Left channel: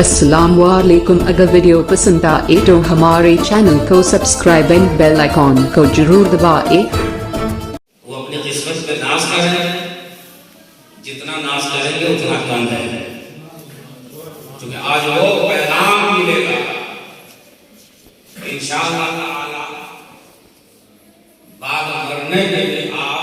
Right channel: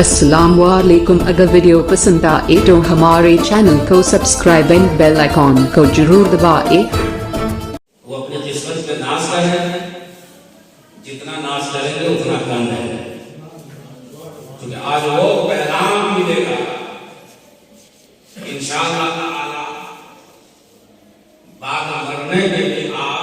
अस्सलाम वालेकुम। अगर वीडियो पसंद आए तो हमारे चैनल को सब्सक्राइब एंड बेल आइकॉन को जरूर दबाएं। वो अपनी किस्मत पे नाज कर रहे हैं, जितना नाज करेंगे उतना कम है, क्योंकि आज वो पैगाम मिलेगा इंशाअल्लाह ताला बाद मरने के भी आप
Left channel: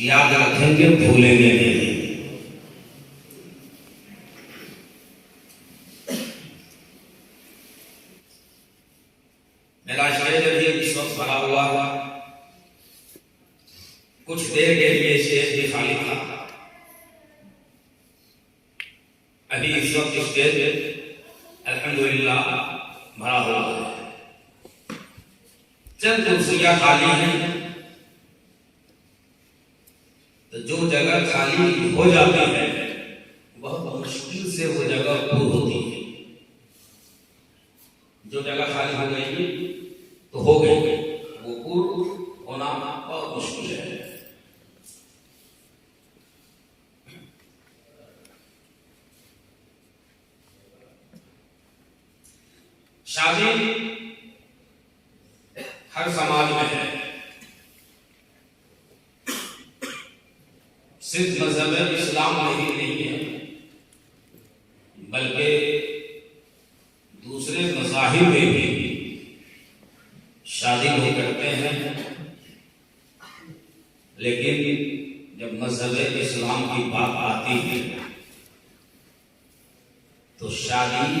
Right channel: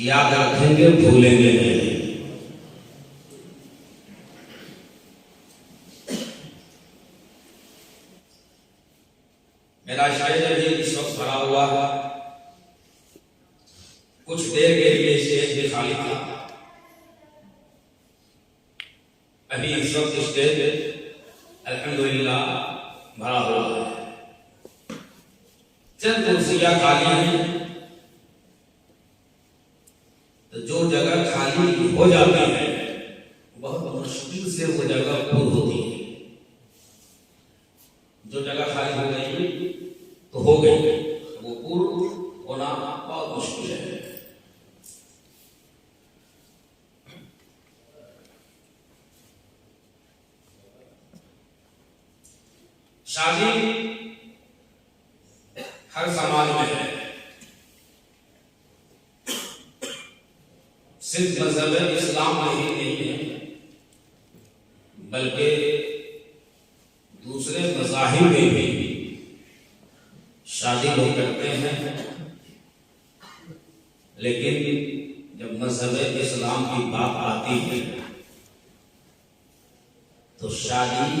याद रखेंगे, भूलेंगे नहीं। मेरा शायद भी इस वक्त भरा हुआ, कुछ देर के लिए स्टेज भी खाली था। अभी इस वक्त स्टेज अल्हम्दुलिल्लाह भरा हुआ है, चंद कुर्सियां खाली हैं। तो जो जगह खाली हो जाती है बहुत मुश्किल से वो जगह पूरी होती है। जो जगह खाली हो गई तो हो गई, वो पूर्ण होना बहुत मुश्किल है। शादी हर समाज में है, सिर्फ मजहब इस्लाम में ही नहीं है, बल्कि दूसरे मज़ाहिब में भी शादी लोग करते हैं। लेकिन जब मजहब इस्लाम की बात आती है तो शादी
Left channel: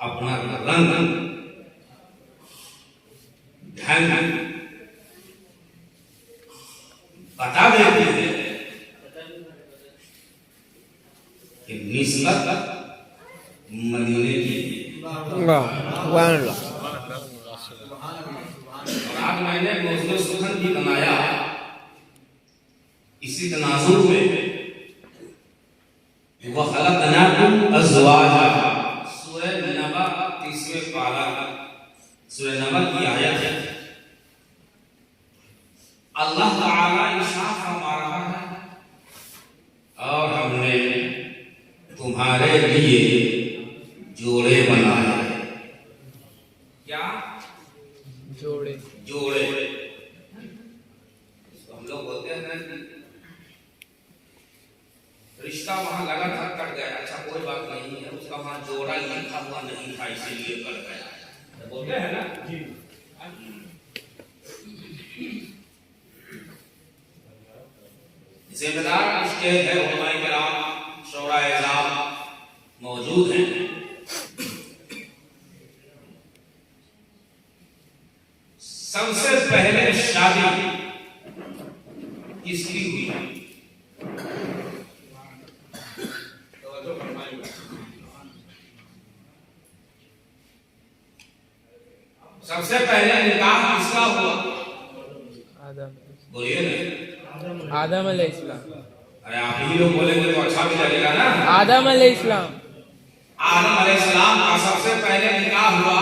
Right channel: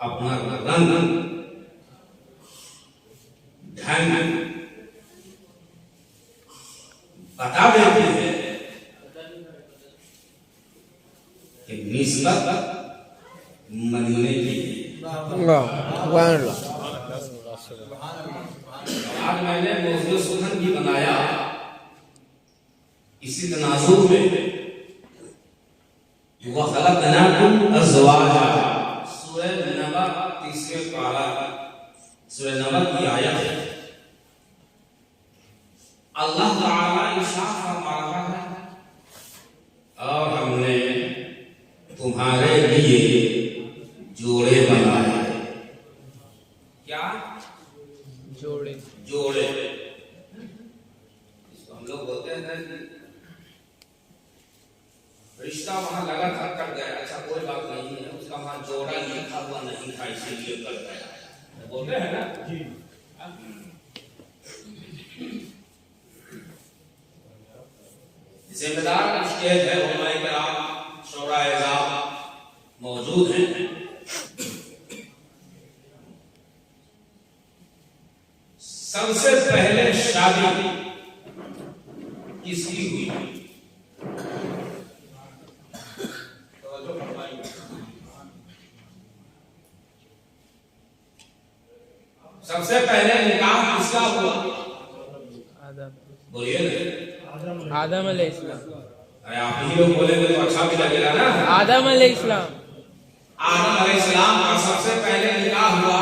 अपना रंग ढंग बता देती है कि निस्बत मदीने की। आज मैंने मौजूद सुखन भी बनाया इसी तनाजुर में, वह खलक़नाकुम अज़वाजा, सूरह नबा 30वें पारा, सूरह नबा की आयत है। अल्लाह ताला इरशाद फरमा रहा है, और हमने तुम्हारे लिए जोड़े बनाए। क्या जोड़े? जोड़े इसको हम लोग बोलते हैं रिश्ता वहां लगा था, कट गया, अच्छा कोई बात नहीं है, उसका वहां जोड़ा लिखा हुआ नहीं था इसीलिए कट गया, बोलते हैं ना जी। जिम्मेदार स्टेज है, उलमाए किराम शोराए इज़ाम मौजूद हैं। सबसे पहले शादी किसकी हुई? तो सबसे पहले निकाह किसका हुआ? बोलिए ना, आदम अलैहिस्सलाम। अरे आप ही लोग बोलेंगे तो अच्छा भी लगेगा ना। आदम अलैहिस्सलाम, आदम अलैहिस्सलाम का सबसे पहले निकाह हुआ।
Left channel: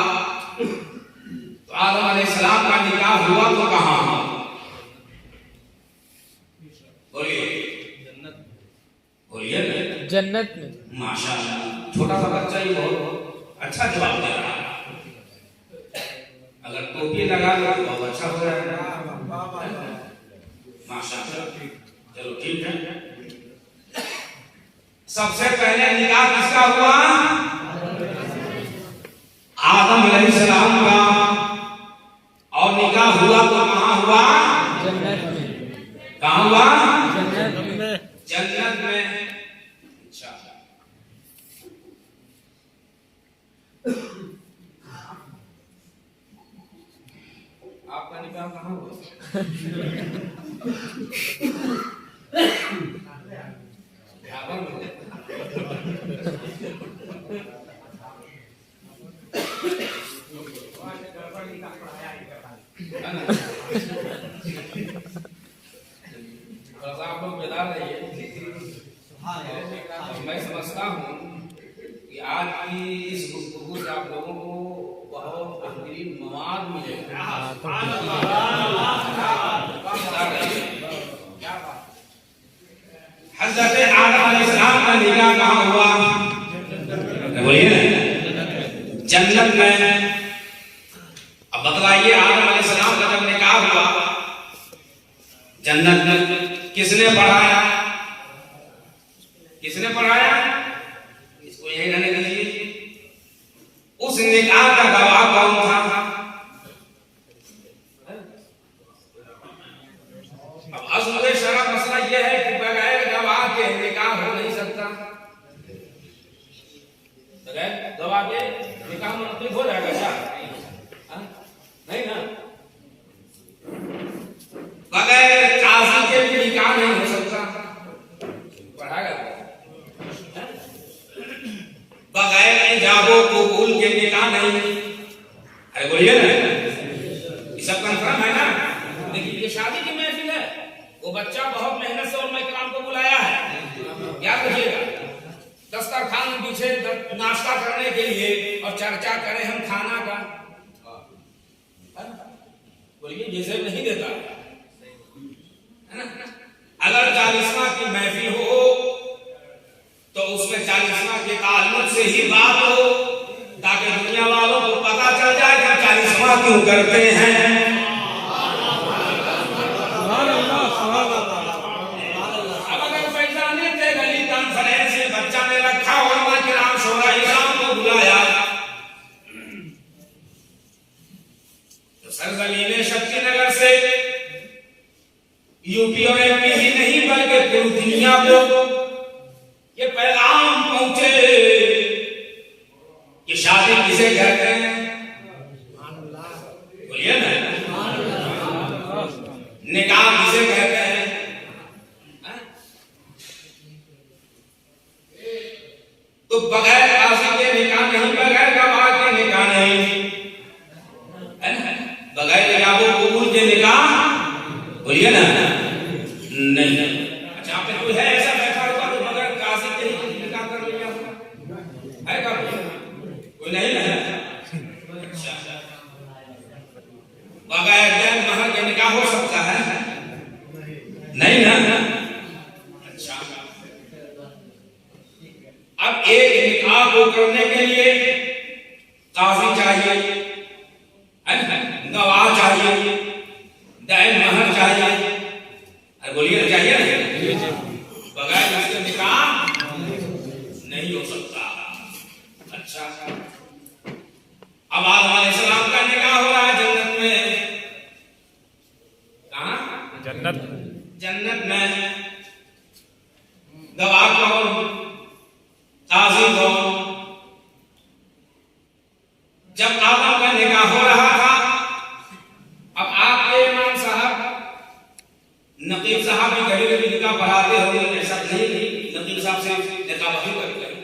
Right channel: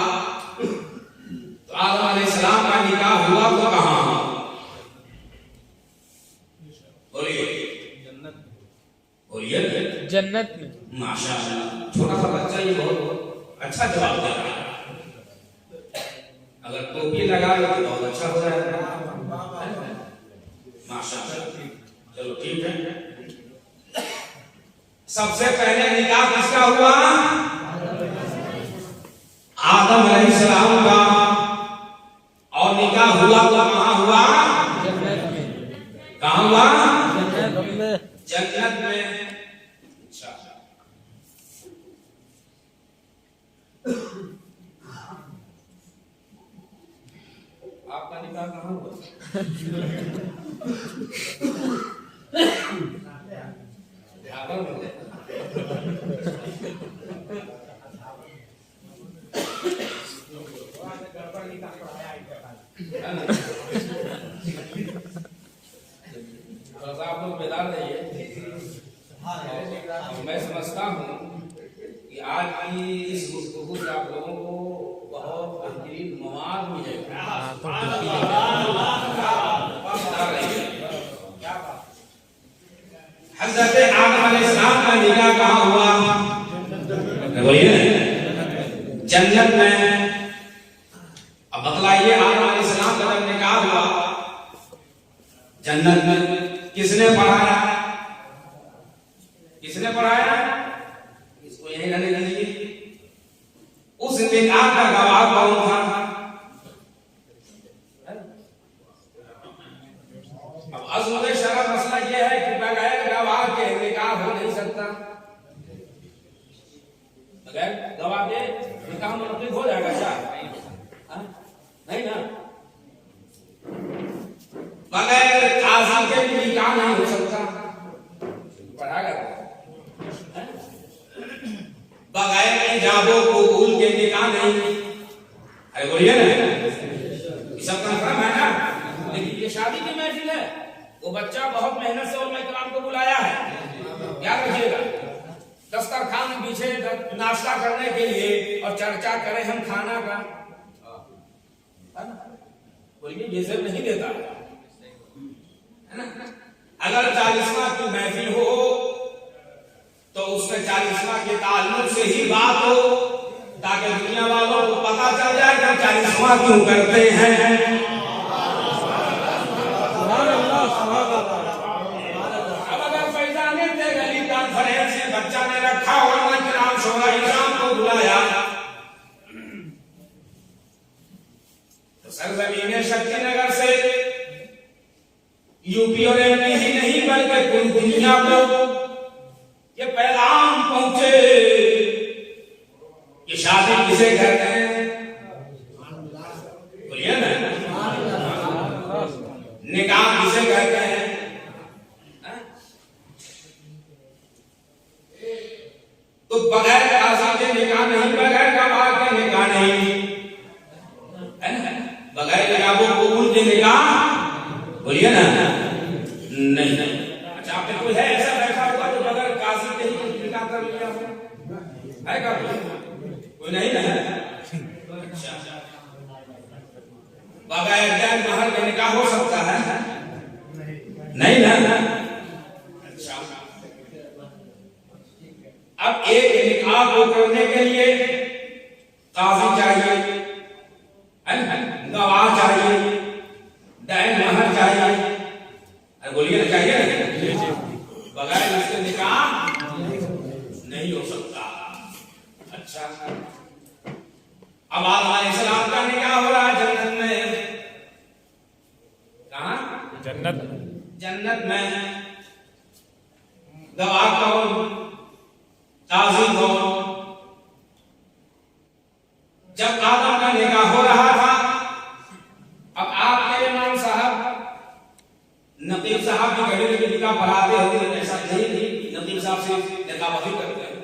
तो आदम अलैहिस्सलाम का निकाह हुआ तो कहाँ? बोलिए, जन्नत। बोलिए ना, जन्नत में। माशाअल्लाह, छोटा सा बच्चा ही बहुत अच्छा जवाब दे रहा है। अगर टोपी लगा लो तो बहुत अच्छा हो जाएगा, माशाअल्लाह। चलो ठीक है। सबसे पहले निकाह किसका हुआ? आदम अलैहिस्सलाम का। और निकाह हुआ तो कहाँ हुआ? जन्नत में। कहाँ हुआ? जन्नत में। जन्नत में। अच्छा, आपका निकाह कहाँ हुआ? ध्यान में थोड़ा सा आप लोग बेदार रहिए। मैं समझता हूँ कि आज की इस गुफ्तगू से आप लोगों को बहुत बेहतरीन मवाद मिलेगा। क्या बात? हज़रत आदम अलैहिस्सलाम का निकाह कहाँ हुआ? बोलिए ना, जन्नत में। अब बतलाइए, आदम अलैहिस्सलाम का जब निकाह हुआ जन्नत में, किसने पढ़ाया? किसने पढ़ाया? इसको यही रहने दीजिए। उस निकाह का गवाह कौन था? अब असूल शरअ मसला यह है कि बगैर गवाह के निकाह हो नहीं सकता। बगैर गवाह के निकाह मुनक्किद हो जाएगा क्या? नहीं ना। बगैर काजी के भी निकाह नहीं हो सकता। पढ़ाएगा बगैर इजाबो कबूल के निकाह नहीं। अरे बोलिए ना, ये सब कंफर्म है ना। लेकिन ये शादी की महफिल है, वो बच्चा बहुत मेहनत से और मेहमान को बुलाया है, याद रखिएगा। दस्तरखान पीछे नाश्ता करने के लिए और चर्चा करें हम खाना का, बोलिए ये सब नहीं देता है ना। अगर 40वां की महफिल हो तो उसमें 40वां के ताल्लुक से ही बात हो, ताकि दुनिया वालों को पता चल जाए कि 40वां क्यों करते हैं। अब अगर पैसा नहीं थे, गली कॉन्फ्रेंस में बच्चा ने रखा और नाम शोरा इमाम को बुलाया तो सरजमीन शक्तिनगर से यूपी और एमपी ही नहीं बल्कि पूरी दुनिया को ये पैगाम पहुंचे कि शादी किसे कहते हैं? बोलिए ना, निकाह किसे कहते हैं? तो बगैर काजी के निकाह नहीं, बगैर गवाह के निकाह नहीं, बगैर इजाबो कबूल के निकाह, बोलिए ना, नहीं। अच्छा, आपने कोई है ऐसा बैठा हुआ जो बगैर काजी के ही निकाह कर लिया है क्या? कोई नहीं है। अच्छा, बगैर दैन महर के निकाह हो सकता है? नहीं है। अच्छा, अब एक निकाह को करने के लिए काजी चाहिए, गवाह चाहिए, दैन महर चाहिए। अरे बोलिए ना, चाहिए ना। बगैर इसके निकाह नहीं हो सकता। अच्छा, अब आदम अलैहिस्सलाम का निकाह हो रहा है जन्नत में। कहाँ? जन्नत में। गवाह कौन? काजी कौन? जब आदम का निकाह हो रहा था, अब आपके इमाम साहब नकीब साहब भी घड़ी घड़ी निकाह पढ़ाते होंगे, ऐसा नहीं? नकीब साहब से निकाह वही करते हैं,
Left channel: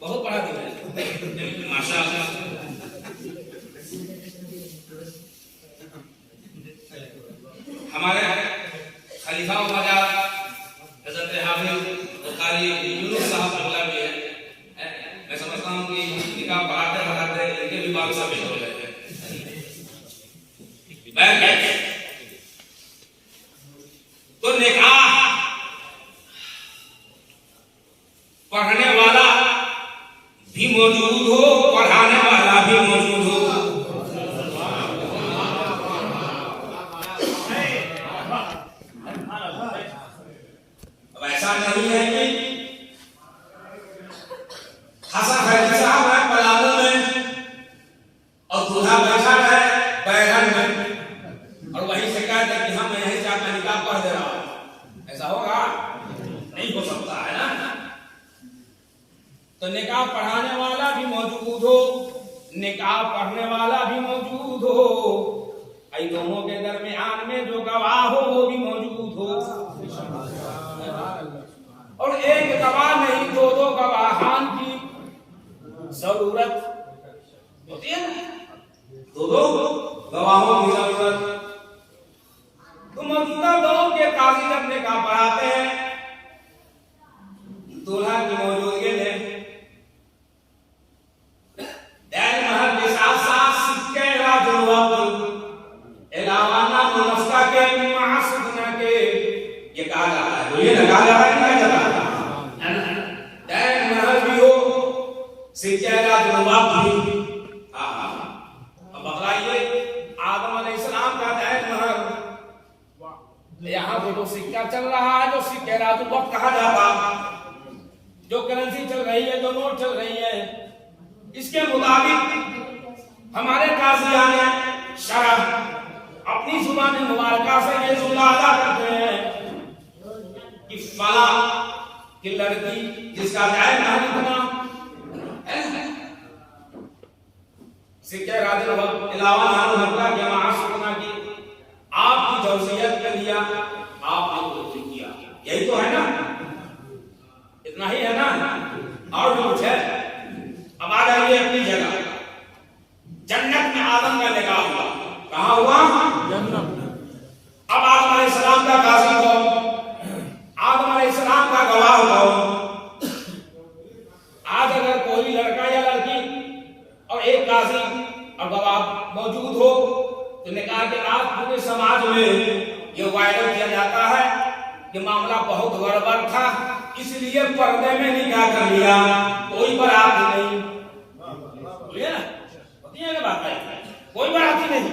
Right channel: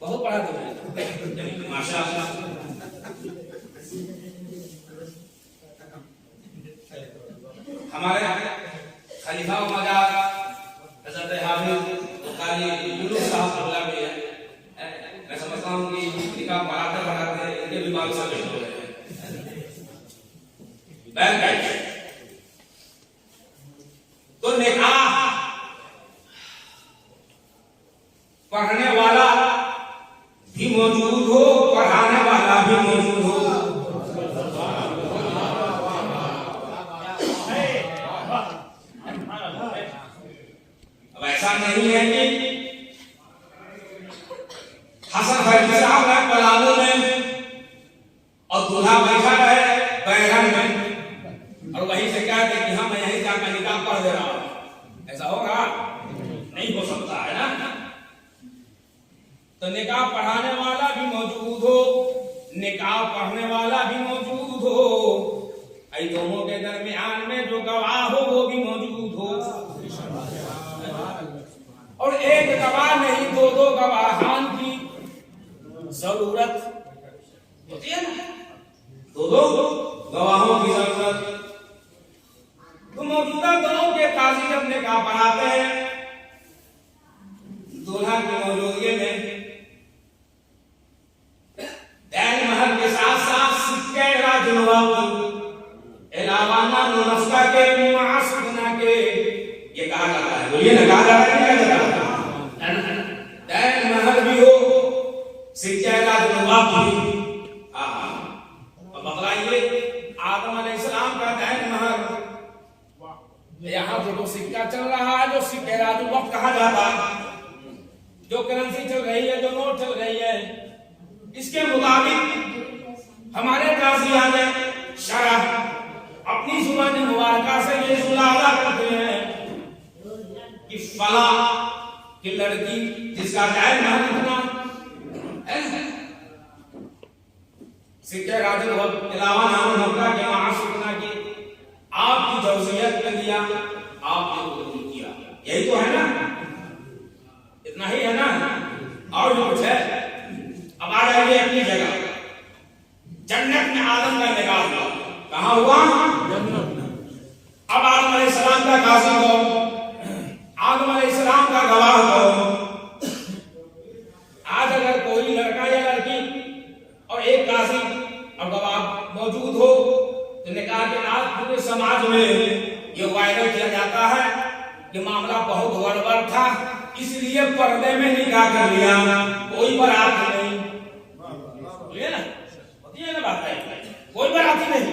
बहुत पढ़ाते हैं माशाअल्लाह। हमारे खलीफा मजा हज़रत हाफिज कारी यूनुस साहब बोला भी है। मैं समझता हूँ कि निकाह पढ़ाते पढ़ाते इनके भी बाल सब हो गए हैं। तो निकाह पढ़ने वाला भी मौजूद हो, पढ़ाने वाला भी मौजूद हो। अब ऐसा नहीं है कि हसन फैजी साहब है पलामू में और दूल्हा बैठा है बैगन में और वहीं से कहते कि हम यहीं से आपका निकाह पढ़ दे रहा हूं। ऐसा होगा? नहीं हो सकता है ना। तो निकाह पढ़ाने वाला भी मौजूद हो, निकाह पढ़ने वाला भी मौजूद हो, आई दोनों के दरमियान में जो गवाह हो वो भी मौजूद हो। और एक गवाह नहीं, दो दो गवाहान की जरूरत होती है ना, दो दो गवाहों की जरूरत। तो मौजूदा दौर के काजी जब निकाह पढ़ाते हैं, दूल्हा की मौजूदगी में दैन महर के साथ साथ सिक्के इलावाना मुनस्का के मासुदना के ये कहा जाता है। बोलिए ना, कहा जाता है, नहीं कहा जाता? दैन महर भी हो कहा जाता, जो करेंसी चल रही है, जो नोट चल रही है, इसके मुताबिक हमारे काजिया ने शरह अपनी जुबान मुबारका से ये जुलादा करते हैं कि फला की लड़की जिसका जायज महल इतना सिक्के राजन अलावा नाम होता कि मासूमना की आपकी जौसियत में दिया, आपने कबूल किया, यही तो है ना, इतना ही है ना, और भी कुछ है। अब आ जाइए अपनी जगह। जन्नत में आदम का निकाह हुआ, कहां हुआ? अब आदम अलैहिस्सलाम का काज़ी कौन? आदम अलैहिस्सलाम का गवाह कौन? आज अगर कोई लड़का या लड़की और एक काज़ी और गवाह मौजूद हो तो निकाह के बाद पूरे समाज में ये वायरल किया जाता है कि मामला बहुत गड़बड़ था, इसलिए पर्दे में निकाह कर लिया, कोई बारात नहीं, बोलिए ना, होती है ना बात है, कोई बाराती नहीं।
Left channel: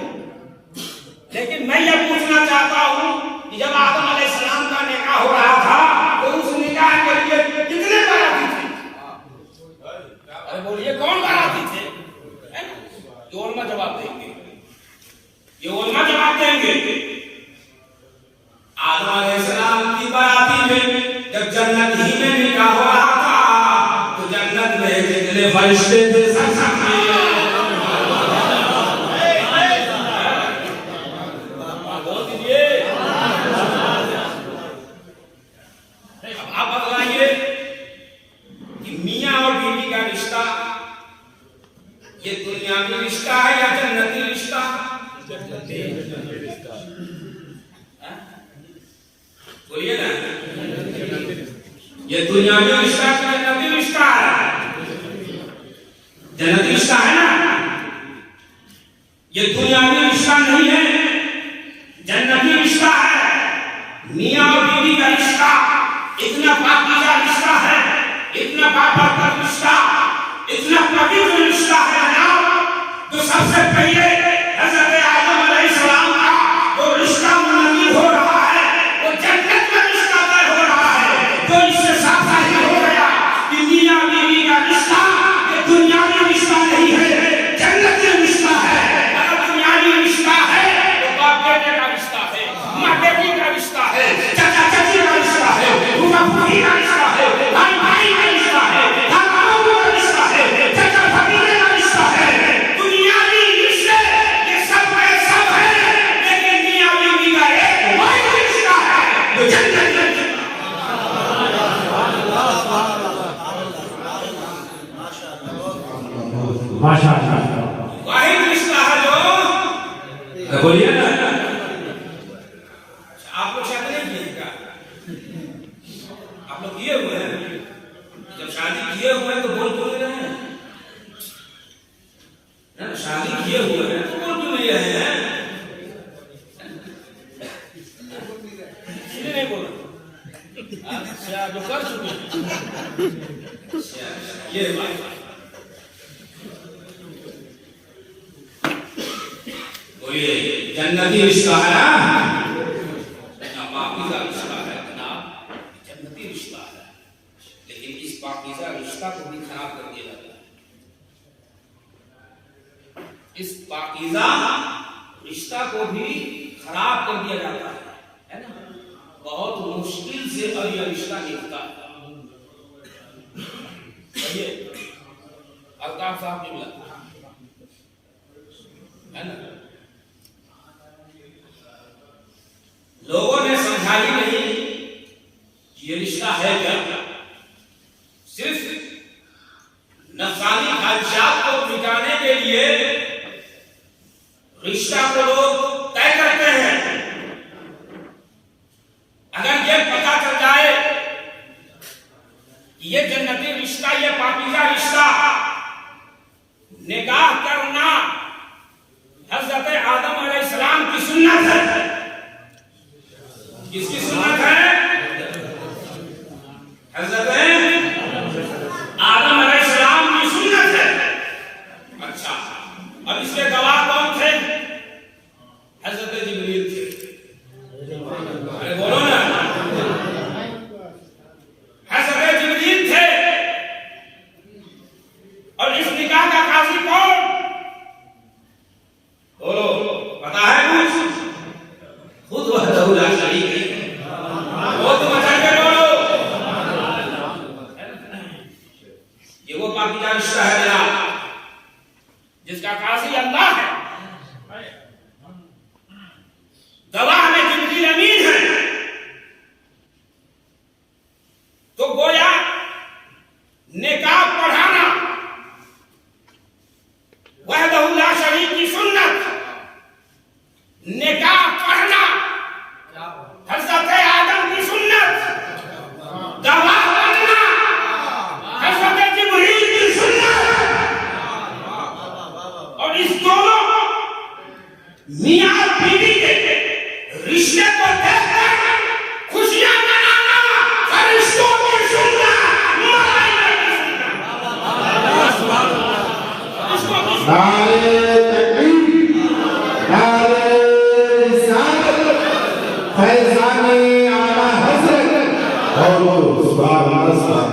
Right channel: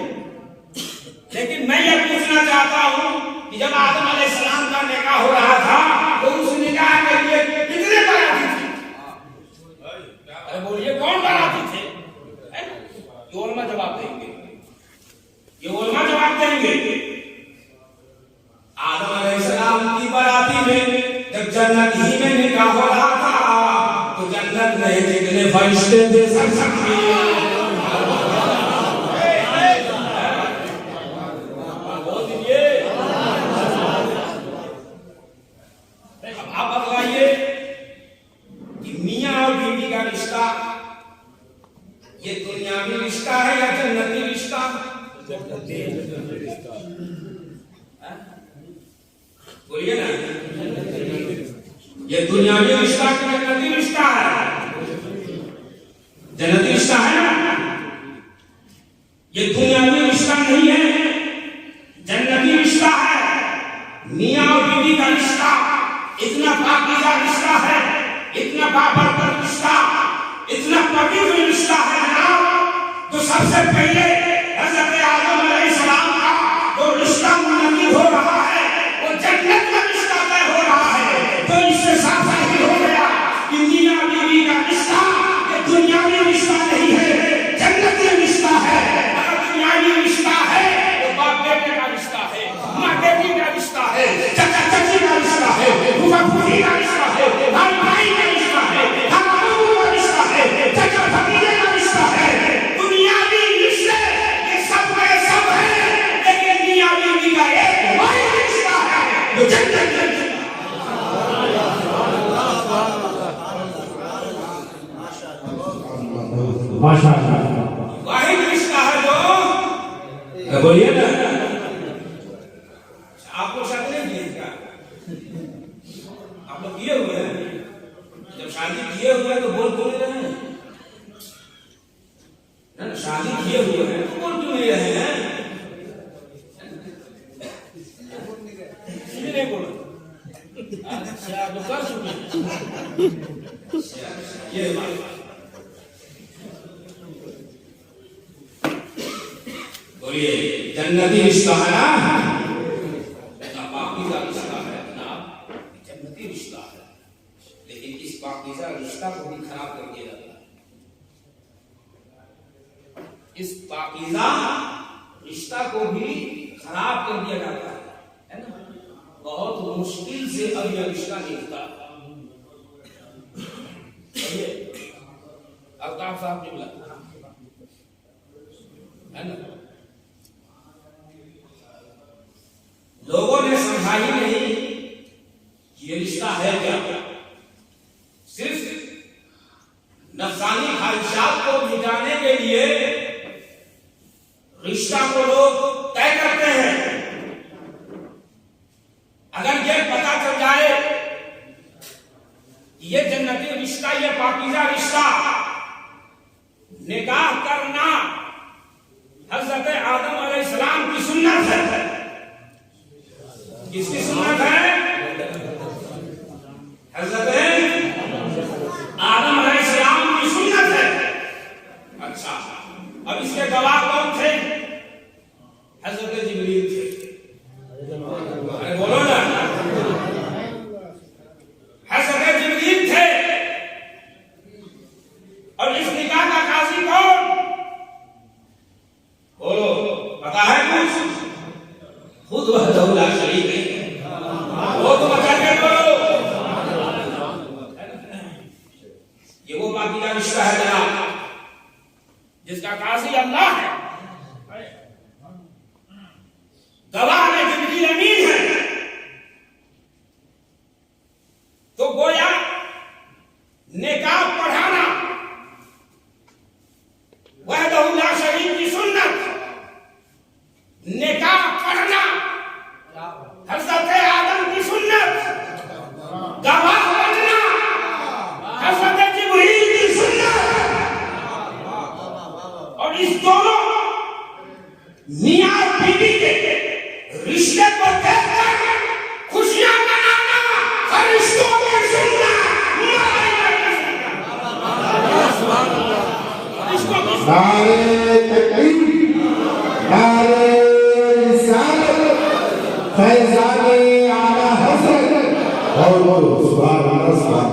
लेकिन मैं ये पूछना चाहता हूं कि जब आदम अलैहिस्सलाम का निकाह हो रहा था तो उस निकाह के लिए कितने बाराती थे? अरे बोलिए, कौन बाराती थे? ये उलमा जवाब देंगे, ये उलमा जवाब देंगे। आदम अलैहिस्सलाम की बाराती में जब जन्नत ही में निकाह हो रहा था तो जन्नत में जितने फरिश्ते थे सब ये दुनियावी रिश्ता है या जन्नती रिश्ता? बोलिए ना, ये दुनियावी रिश्ता है जन्नती रिश्ता है? जन्नती रिश्ता है ना, ये दुनियावी रिश्ता नहीं है, जन्नती रिश्ता है। मियां और बीवी का रिश्ता इतना पाकीज़ा रिश्ता है, इतना बाबरकत रिश्ता, इतना पवित्र रिश्ता है ना, तो सबसे पहले हज़रत आदम अलैहिस्सलाम का वो रिश्ता मुनक़्क़िद हो रहा है, वो जन्नत में रिश्ता तय हो रहा है। तो इससे साफ ही हो गया कि मियां बीवी का रिश्ता ये दुनियावी रिश्ता नहीं है, जन्नती रिश्ता है। अगर दुनियावी रिश्ता है तो बाप बेटे का रिश्ता है, माँ बेटी का रिश्ता है, चाचा चाची का रिश्ता है, फूफा फूफी का रिश्ता है, भाई भाई का रिश्ता है, वाहिद रिश्ता है जो, बोलिए ना, आप लोग शादी नहीं किए क्या? आप लोग किए हुए हैं? जब शादी किए हुए हैं तो बोल क्यों नहीं रहे हैं? शादी किए हुए हैं तो बोल क्यों नहीं रहे हैं? नहीं बोला, अच्छा जो कर चुके ये बात। बोलिए, जन्नती रिश्ता है ना, पाकीज़ा रिश्ता है जनाब, जन्नती रिश्ता है, लेकिन इस पाकीज़ा रिश्ता को भी खराब कर दिया जाता है। इस पाकीज़ा रिश्ता को भी खराब कर दिया जाता है ना, बहुत मुश्किल से अब यह रिश्ता निकलता है। अल्ताफ साहब ने बोला है ना, लोगों ने समझा ही नहीं ये रिश्ता है क्या, सिर्फ नफसानी ख्वाहिशात को मिटाने के लिए रिश्ता को लोग तय करते हैं। अगर ये पता चल जाए कि ये जन्नती रिश्ता, ये पाकीज़ा रिश्ता, निकाह करना हज़रत आदम अलैहिस्सलाम की सुन्नत है। किसकी सुन्नत है? हज़रत आदम अलैहिस्सलाम की सुन्नत है। अच्छा, अब इसके गवाह कौन थे? हज़रत जिब्रील थे। अरे बोलो ना, मियां और बीवी के रिश्ते को देखकर खुशियां मनाना, फरिश्तों की सुनना, नारे तकबीर, नारे रिसालत, फैज़ाने आला हज़रत और सुभान अल्लाह।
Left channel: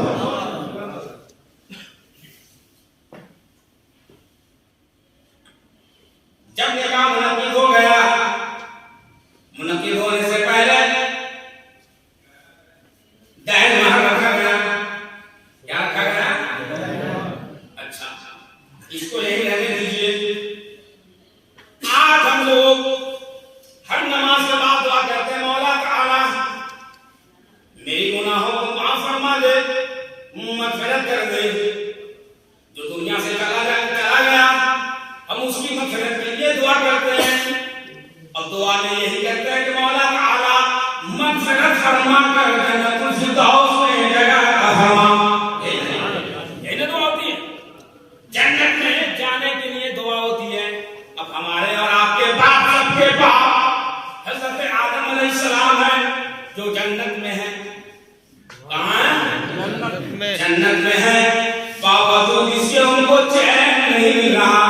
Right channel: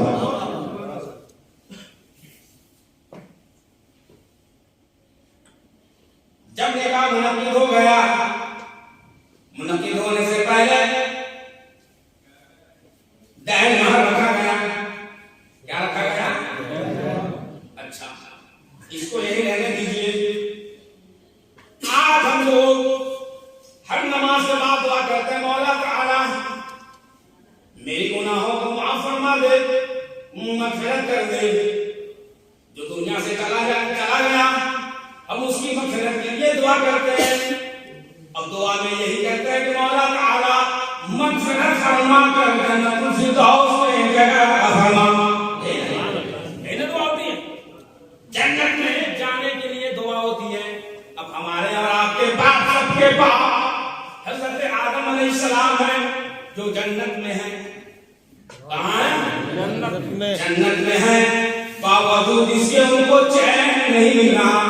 जब निकाह मुनक्किद हो गया, मुनक्किद होने से पहले दहेज महर रखा गया। क्या रखा गया? अच्छा, इसको यही रहने दीजिए। आज हम लोग हर नमाज के बाद दुआ करते हैं, मौला ताला मेरी गुनाहों को माफ फरमा दे, मग़फ़िरत कर दे। जो दुनिया से चला गया हम उसकी मग़फ़िरत के लिए दुआ करते हैं। अब दुआ में यही कहते हैं कि मौला ताला मग़फ़िरत फरमा कर जन्नतुल फ़िरदौस में जगह फरमा। यही ना दुआ होती है, जन्नत में जाने के लिए दुआ होती है। अब हमारे और आपके बाप, सबके बाप हज़रत आदम अलैहिस्सलाम है जो जन्नत में है। कहाँ है? जन्नत में है। बावजूद इसके उनको चैन नहीं मिल रहा।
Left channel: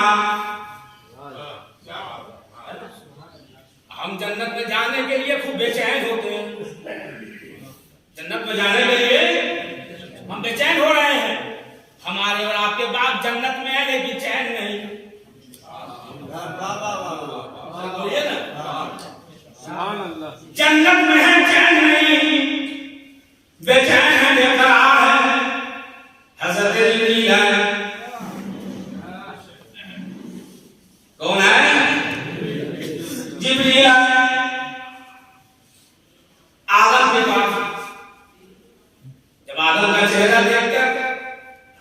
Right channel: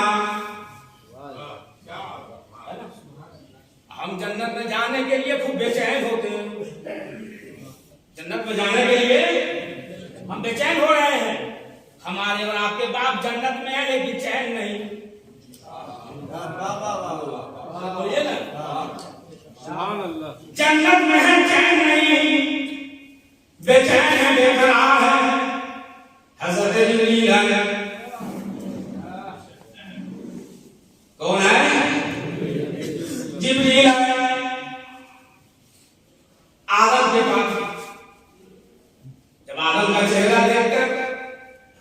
हम जन्नत में जाने के लिए खूब बेचैन होते हैं। जन्नत में जाने के लिए हम बेचैन हो रहे हैं। हमारे और आपके बाप जन्नत में है लेकिन चैन नहीं। बोलिए ना, जन्नत में है चैन नहीं, बेचैन है, देख रहा है। हज़रत जिब्रील है। कौन है? जिब्रील है। आदम के पास जब आदम का चेहरा देखकर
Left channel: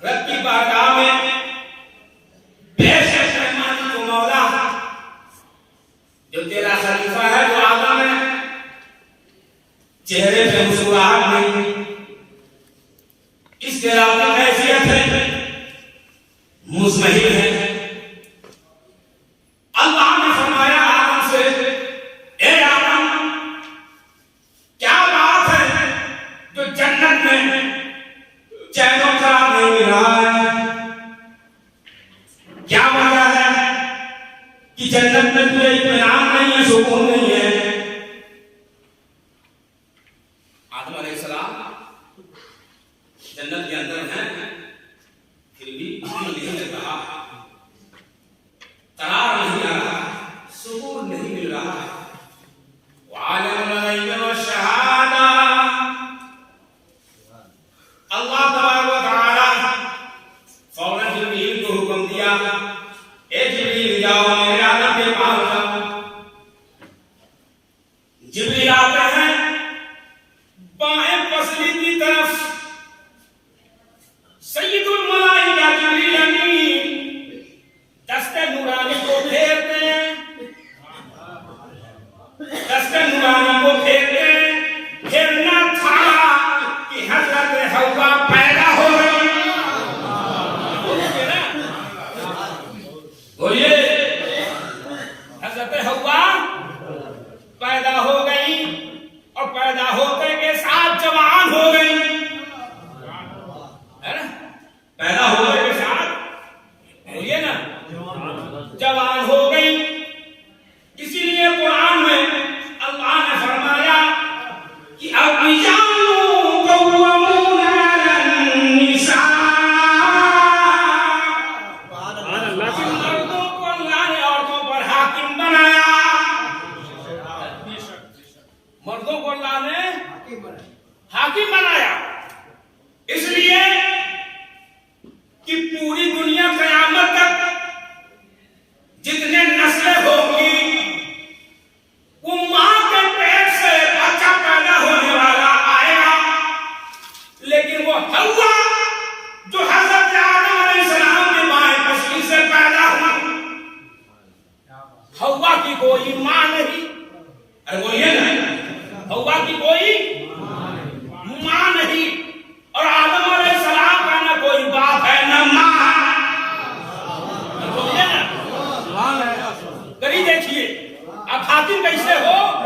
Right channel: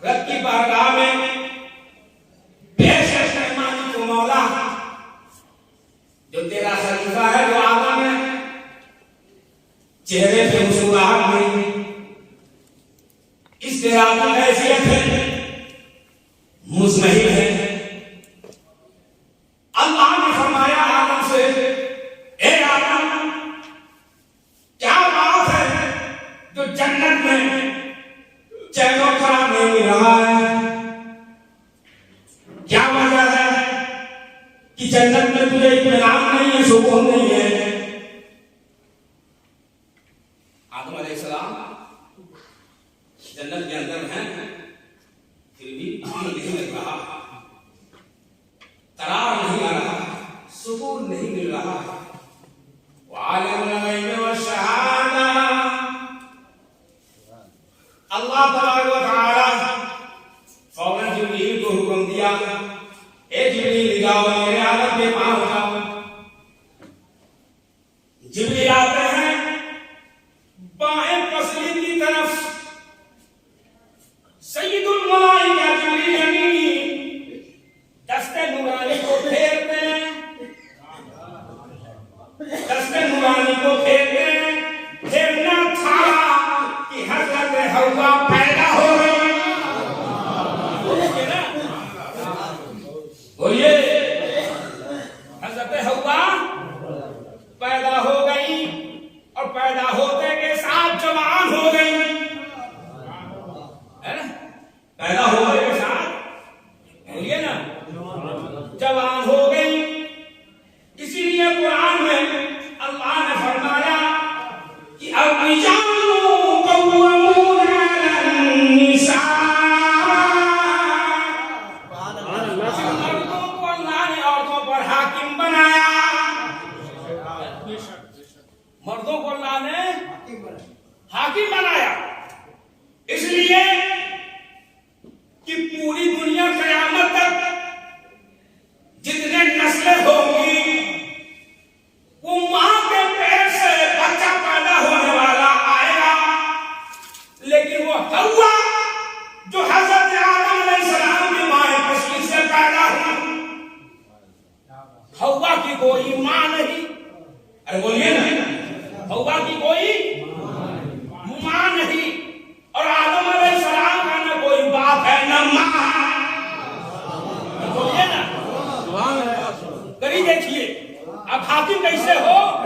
रब की बारगाह में पेश है मेहमानी को, मौला जो तेरा खलीफा है, जो आदम है, चेहरे पे मुस्कुराहट नहीं, इसके आपकी हैसियत है, मुस्महिल है। अल्लाह ने फरमाया आदम से, ए आदम, क्या बात है जो जन्नत में चैन और करार नहीं मिल रहा है? क्या वजह है कि जन्नत में तुझे इत्मीनान नहीं है, सुकून नहीं है? आदम अलैहिस्सलाम जन्नत के अंदर हैं, फिर भी अमन नहीं मिल रहा, करार नहीं आ रहा, सुकून नहीं मिल रहा। वालिमुल गैब व शहादा, अल्लाह तबारक व तआला फौरन जिब्रील को हुक्म दिया, ए जिब्रील जाओ मेरे आदम के पास जाओ। जिब्रील आते हैं बाएं पसली की तरफ। सय्यदुल मलाइका जिब्रील अमीन दस्ते नूरानी को फेरते हैं, दस्ते नूरानी को फेरते हैं। फेरना था कि हज़रत हव्वा पैदा हो गई। बोलिए, हज़रत हव्वा पैदा हो गई और पैदा होते के साथ जवान हो गई, है ना? पैदा होने के साथ, बोलिए ना, जवान हो गई। इसीलिए कुरान में अल्लाह ने फरमाया कि मर्दों को अल्लाह ने औरतों पर हाकिम बनाया। मर्दों को अल्लाह ने हाकिम बनाया इसलिए कि पूरी दुनिया क़यामत तक जितने नस्लें होंगी वो मां के पेट से बच्चा पैदा होने वाला आएगा, लेकिन वो हव्वा जो हज़रत आदम अलैहिस्सलाम की मां पसली से पैदा हुई, हव्वा की कोई मां नहीं। अरे बोलिए ना, हव्वा की कोई मां नहीं और आदम अलैहिस्सलाम का ना कोई बाप है ना मां। बोलिए ना, कभी देखिए हाकिम कैसे हो